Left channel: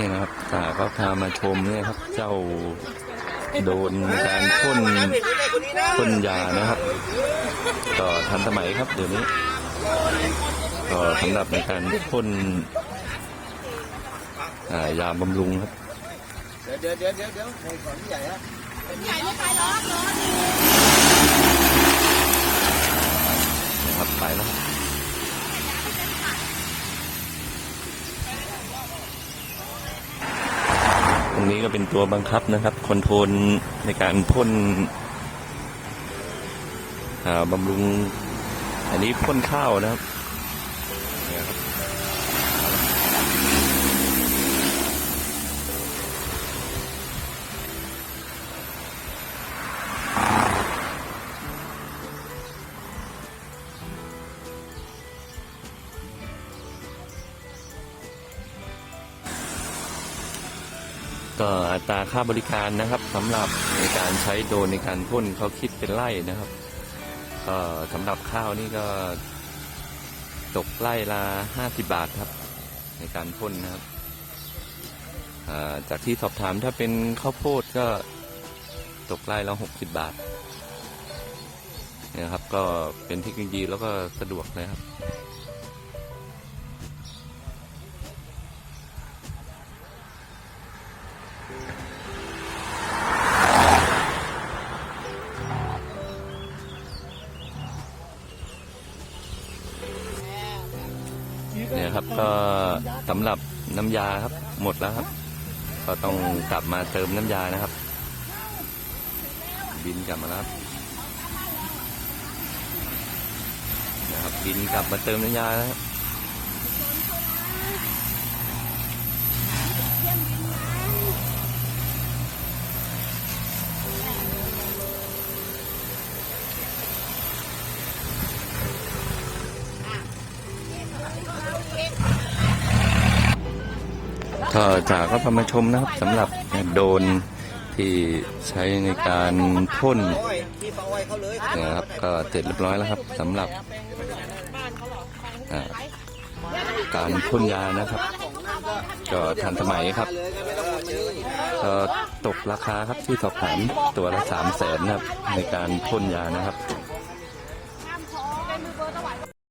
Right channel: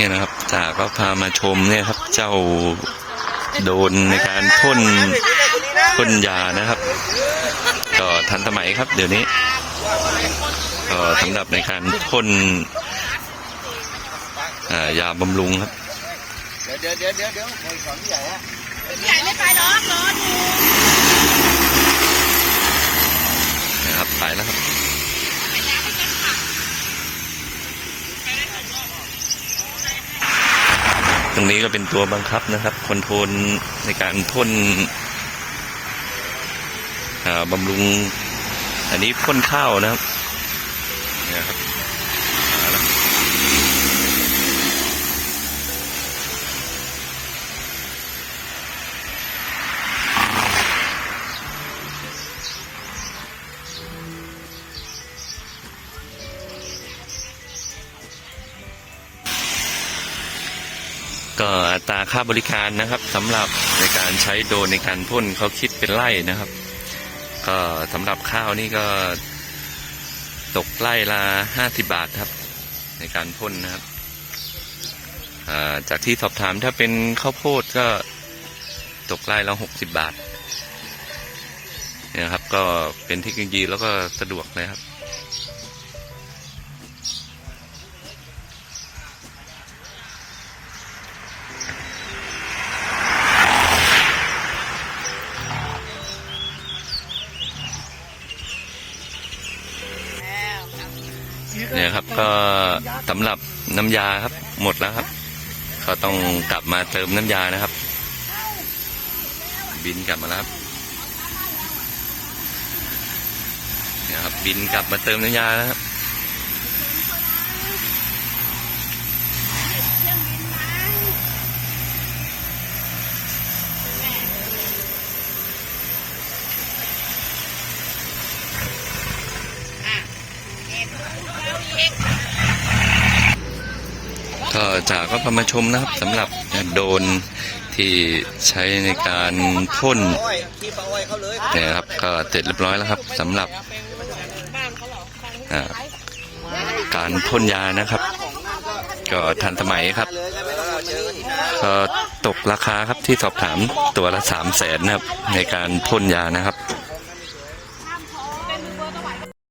เนี่ยนะครับจ่าก็พามาชมเนี่ยครับ เจ้าโดนในการพ่นพ่นยานะครับ ก็ทันสมัยครับ เดี๋ยวนี้ ก็สำหรับในการพ่นอ่ายาบำรุงครับเดี๋ยวเดี๋ยวเดี๋ยวเดี๋ยวเดี๋ยวของใหญ่ฮะใหญ่ไม่ไปหรอกร้อนนะครับไปแล้วครับ รงนี้ก็เป็นตัวบังคับนะครับคอนโทรลในการพ่นบำรุง อันนี้พ่นข้าวนะครับนะครับ ก็อัตราค่าบริการนะครับสำหรับในการใช้โดรนในการพ่นเขาคิดเป็นไร่นะครับ ก็สำหรับข้าวนี่ก็ตกไร่ละห้าสิบาทครับ ในการพ่นนะครับจากที่สอบถามถ้าเป็นข้าวโพดก็ตกไร่ละหกสิบบาทเนี่ยครับ ก็เป็นเทคโนโลยีแล้วก็สะดวกเลยครับ เนี่ยครับก็สำหรับน้ำยาครับ หมดแล้วครับ ก็ต้องกลับมาเติมน้ำยานะครับ บินกลับมาแล้วครับเนี่ยครับบินกลับมาเติมน้ำยาแล้วครับ ก็จากก็พามาชมนะครับสำหรับโดนที่ใช้ในการพ่นเนี่ยครับก็เสร็จเรียบร้อยแล้วครับสำหรับการพ่นยานะครับ ก็ทันสมัยครับตก็ตกราคาครับที่สอบถามตัวละสามแสนนะครับในการพ่นยานะครับ